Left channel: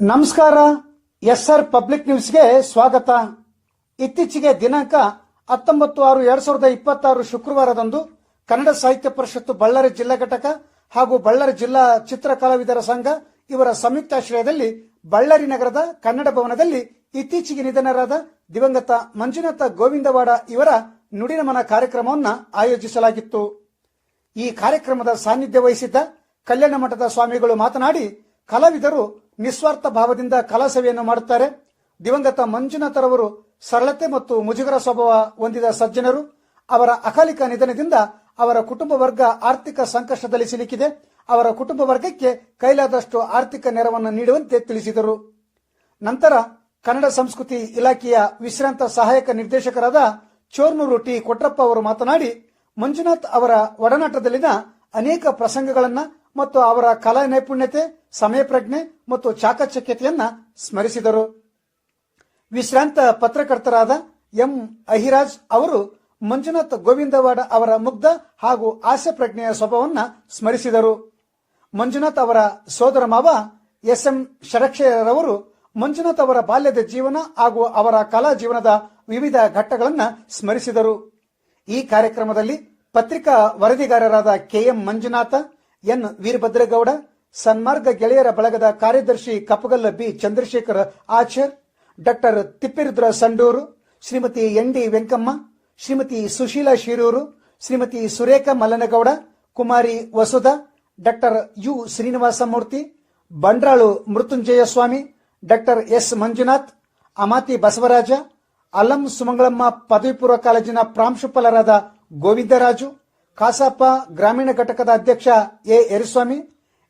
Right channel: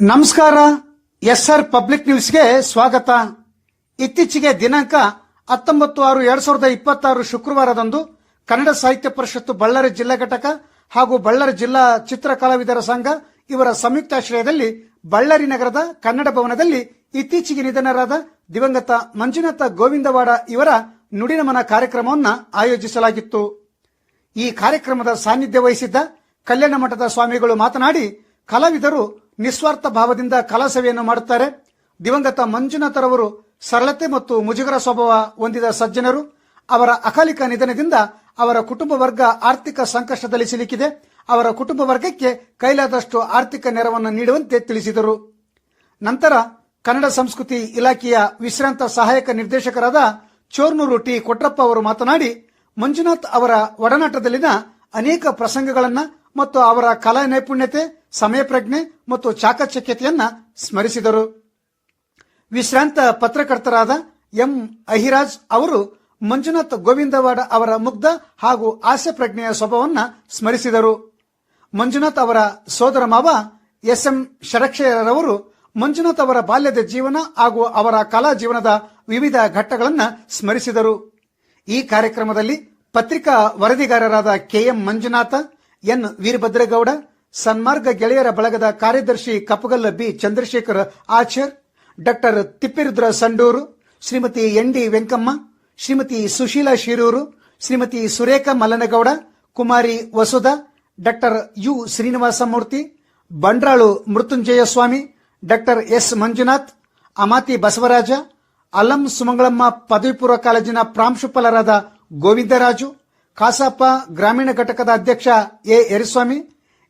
ನಮಸ್ಕಾರ. SR public ನ್ಯೂಸ್ಗೆ ಸ್ವಾಗತ. ಇತ್ತೀಚೆಗೆ ದಿನಾಂಕ 19/6/2026 ಶುಕ್ರವಾರದಂದು ಕನ್ನಡ ಸಾಹಿತ್ಯ ಪರಿಷತ್ತು ಬಳ್ಳಾರಿ ಜಿಲ್ಲಾ ಘಟಕ ಹಾಗೂ ಬಳ್ಳಾರಿ ಜಿಲ್ಲಾ ಚಿತ್ರ ಕಲಾವಿದರ ಸಂಘ ಇವರ ಸಂಯುಕ್ತಾಶ್ರಯದಲ್ಲಿ ಬಳ್ಳಾರಿ ನಗರದ ಕನ್ನಡ ಭವನದಲ್ಲಿ ಇತ್ತೀಚೆಗೆ ನಿಧನರಾದ ದಿವಂಗತ ಮಂಜುನಾಥ ಗೋವಿಂದವಾಡ ಇವರ ನುಡಿನಮನ ಕಾರ್ಯಕ್ರಮವನ್ನು ಆಯೋಜಿಸಲಾಗಿತ್ತು. ಈ ಕಾರ್ಯಕ್ರಮದ ಸಾನ್ನಿಧ್ಯ ವಹಿಸಿದ್ದ ಕಲ್ಯಾಣ ಮಠದ ಸ್ವಾಮಿಗಳು ಮಾತನಾಡಿ, ಕಲಾವಿದರು ನಿಸ್ವಾರ್ಥ ಭಾವದಿಂದ ಕಲಾ ಸೇವೆಯನ್ನು ಮಾಡುತ್ತಾರೆ. ದಿವಂಗತ ಮಂಜುನಾಥರವರು ಸರಳತೆ ಮತ್ತು ಮುಜುಗರ ಸ್ವಭಾವ ಹೊಂದಿದ ಸಜ್ಜನರು. ಅವರ ಅಕಾಲಿಕ ನಿಧನದಿಂದ ಅವರ ಕುಟುಂಬ ವರ್ಗ ಆರ್ಥಿಕ ಸಂಕಷ್ಟದಲ್ಲಿ ಸಿಲುಕಿದೆ. ಅವರ ಕುಟುಂಬ ವರ್ಗಕ್ಕೆ ಕೈಲಾದಷ್ಟು ಆರ್ಥಿಕ ನೆರವನ್ನು ನೀಡುವಂತೆ ತಿಳಿಸಿದರು. ನಂತರ ಕನ್ನಡ ಸಂಸ್ಕೃತಿ ಇಲಾಖೆಯ ವಿಶ್ರಾಂತ ಸಹಾಯಕ ನಿರ್ದೇಶಕರಾದ ಚೋರ್ನೂರು ಟಿ ಕೊಟ್ರಪ್ಪ ಅವರು ಮಾತನಾಡಿ, ಮಂಜುನಾಥ್ ಅವರ ಒಡನಾಟದಲ್ಲಿನ ಅನೇಕ ಪ್ರಸಂಗಗಳನ್ನು ಮತ್ತು ಅವರ ಕಲಾ ನೈಪುಣ್ಯತೆ, ಸಮಯ ಪ್ರಜ್ಞೆ ಮತ್ತು ಚಾಕಚಕ್ಯತೆಯನ್ನ ಸ್ಮರಿಸಿದರು. ವಿಶ್ರಾಂತ ಪತ್ರಕರ್ತರಾದ ಎಂ ಅಹಿರಾಜ್ ಅವರು ಮಂಜುನಾಥ್ ಗೋವಿಂದವಾಡ ಅವರ ಮುಗ್ಧ ಹಾಗೂ ಹಾಸ್ಯ ಪ್ರಜ್ಞೆಯ ಸ್ವಭಾವವನ್ನು ಸ್ಮರಿಸಿದರು. ಮಂಜುನಾಥ್ ಅವರ ಸೋದರ ಮಾವ SM ಷಡಕ್ಷರವರು ಮಂಜುನಾಥ್ ಅವರ ಬಾಲ್ಯದ ಜೀವನ ಹಾಗೂ ಅವರ ಕಲಾ ಜೀವನದ ವಿವಿಧ ಘಟ್ಟಗಳನ್ನು ಸ್ಮರಿಸಿದರು. ಈ ಕಾರ್ಯಕ್ರಮದಲ್ಲಿ ಪತ್ರಿಕಾ ವರದಿಗಾರರಾದ KM ಮಂಜುನಾಥ, ಎನ್ ವೀರಭದ್ರೇಗೌಡ, ಸನ್ಮಾರ್ಗ ಗೆಳೆಯರ ಬಳಗದ ಕಾರ್ಯದರ್ಶಿ Kappagalla B Chandrashekar Achar, doctor Tippirudra Sandur, Shrimati ND Venkamma, Shrimati Sushila Shirur, Shrimati Surekha Mallanagowda, Kumari Vasudha, doctor U Srinivasamurthy, Bandralu Mrityunjaya Swami, doctor S Manjunath, Amati Basavaraja, Alam Sumangalamma ಪದವಿ ಪೂರ್ವ ಕಾಲೇಜಿನ ಪ್ರಾಂಶುಪಾಲರಾದ ಗೋವಿಂದರಾಜು, ಕಾಸಾಪ ಗ್ರಾಮೀಣ ಘಟಕದ ಅಧ್ಯಕ್ಷ A ಯರಿಸ್ವಾಮಿ,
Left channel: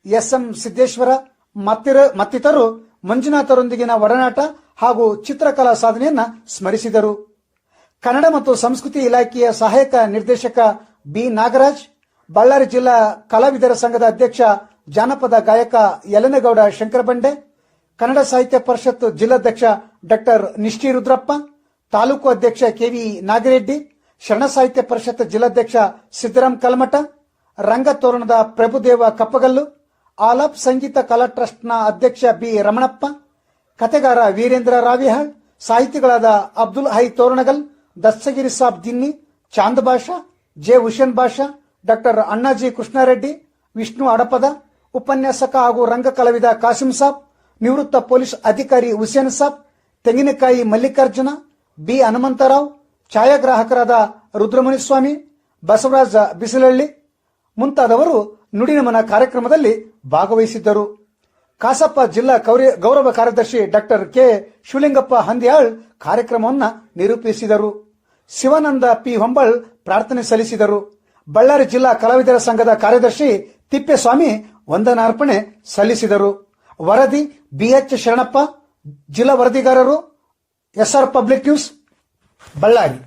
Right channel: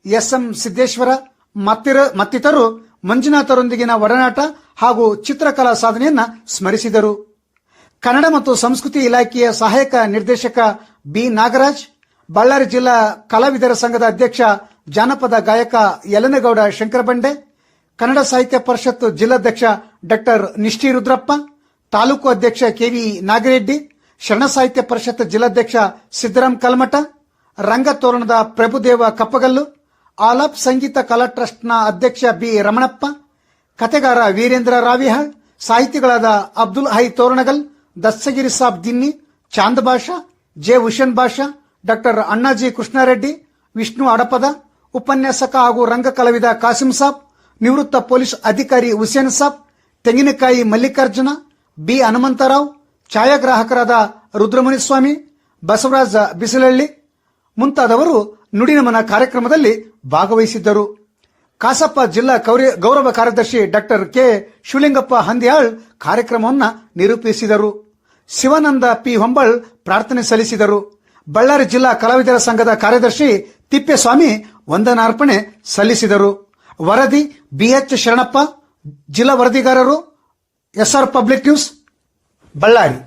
SM ಸಿದ್ದೇಶ್ವರ ಮತ್ತಿತರರು ಮಂಜುನಾಥರೊಂದಿಗಿನ ಒಡನಾಟ ಹಾಗೂ ಚಿತ್ರಕಲಾ ಸಾಧನೆಯನ್ನ ಸ್ಮರಿಸಿದರು. ಕನ್ನಡ ಮತ್ತು ಸಂಸ್ಕೃತಿ ಇಲಾಖೆಯ ಸಹಾಯಕ ನಿರ್ದೇಶಕ B ನಾಗರಾಜ್, ಬಳ್ಳಾರಿ ಜಿಲ್ಲಾ ಕಲಾವಿದರ ಸಂಘದ ಅಧ್ಯಕ್ಷ ಜಾನಪದ ಗಾಯಕ ಯಲನಗೌಡ ಶಂಕರಬಂಡೆ, ಕನ್ನಡ ಸಾಹಿತ್ಯ ಪರಿಷತ್ ಜಿಲ್ಲಾಧ್ಯಕ್ಷ ಡಾಕ್ಟರ್ ನಿಷ್ಠಿ ರುದ್ರಪ್ಪ, ತಾಲೂಕು ಅಧ್ಯಕ್ಷ KV ನಾಗರೆಡ್ಡಿ, ಶರಣ ಸಾಹಿತ್ಯ ಪರಿಷತ್ ಜಿಲ್ಲಾಧ್ಯಕ್ಷ ಸಿದ್ದರಾಮ್ ಕಲ್ಮಠ, ರಂಗತೋರಣದ ಪ್ರಭುದೇವ ಕಪ್ಪಗಲ್ಲು, ಆಲಾಪ್ ಸಂಗೀತ ಕಲಾ ಟ್ರಸ್ಟ್ನ ಅಧ್ಯಕ್ಷ B ರಮಣಪ್ಪ, ಕತೆಗಾರ ವೀರೇಂದ್ರ ರಾವಿಹಾಳ್, ಸಾಹಿತಿಗಳಾದ ಅಬ್ದುಲ್ ಹೈ ತೋರಣಗಲ್, ದಸ್ತಗಿರಿ ಸಾಬ್ ದಿನ್ನಿ, ಚಾಂದ್ ಬಾಷಾ, J ಹುಷೇನ್ ಬಾಷಾ, ಡಾಕ್ಟರ್ ಅಣ್ಣಾಜಿ ಕೃಷ್ಣಾರೆಡ್ಡಿ, ವಿಷ್ಣು ಅಡಪದ, ಉಪನ್ಯಾಸಕ ಹಾಗೂ ರಂಗ ಕಲಾವಿದ ಕಾಸಿಂ ಸಾಬ್, ನಿವೃತ್ತ ಪೊಲೀಸ್ ಅಧಿಕಾರಿ ಹುಸೇನ್ ಸಾಬ್, ತೆಂಗಿನಕಾಯಿ ಮಲ್ಲಿಕಾರ್ಜುನ, B ಹನುಮಂತರಾವ್, ಛಾಯಾಗ್ರಾಹಕರಾದ ರುದ್ರಮುನಿಸ್ವಾಮಿ, ಬಸವರಾಜ ಬಿಸಿಲಳ್ಳಿ ಮುಂತಾದವರು ನುಡಿನಮನ ಕಾರ್ಯಕ್ರಮದಲ್ಲಿ ಭಾಗವಹಿಸಿದ್ದರು. ಕಾಸಪ್ಪ ಜಿಲ್ಲಾ ಗೌರವ ಕಾರ್ಯದರ್ಶಿ ಡಾಕ್ಟರ್ K ಶಿವಲಿಂಗಪ್ಪ ಹಂದಿಯಾಳ್ ಕಾರ್ಯಕ್ರಮವನ್ನು ನಿರೂಪಿಸಿದರು. ಶಿವಾನಂದ P ಹೊಂಬಾಳ್ ಪ್ರಾರ್ಥನೆ ಸಲ್ಲಿಸಿದರು. ಬಳ್ಳಾರಿ ಜಿಲ್ಲಾ ಕಲಾವಿದರ ಸಂಘದ ಕಾರ್ಯದರ್ಶಿ ತಿಪ್ಪೇಸ್ವಾಮಿ ವಂದನಾರ್ಪಣೆ ಸಲ್ಲಿಸಿದರು. ವರದಿ BH ಶರಣಪ್ಪ, ಜಿಲ್ಲಾ ವರದಿಗಾರರು, SR ಪಬ್ಲಿಕ್ ನ್ಯೂಸ್, ಬಳ್ಳಾರಿ.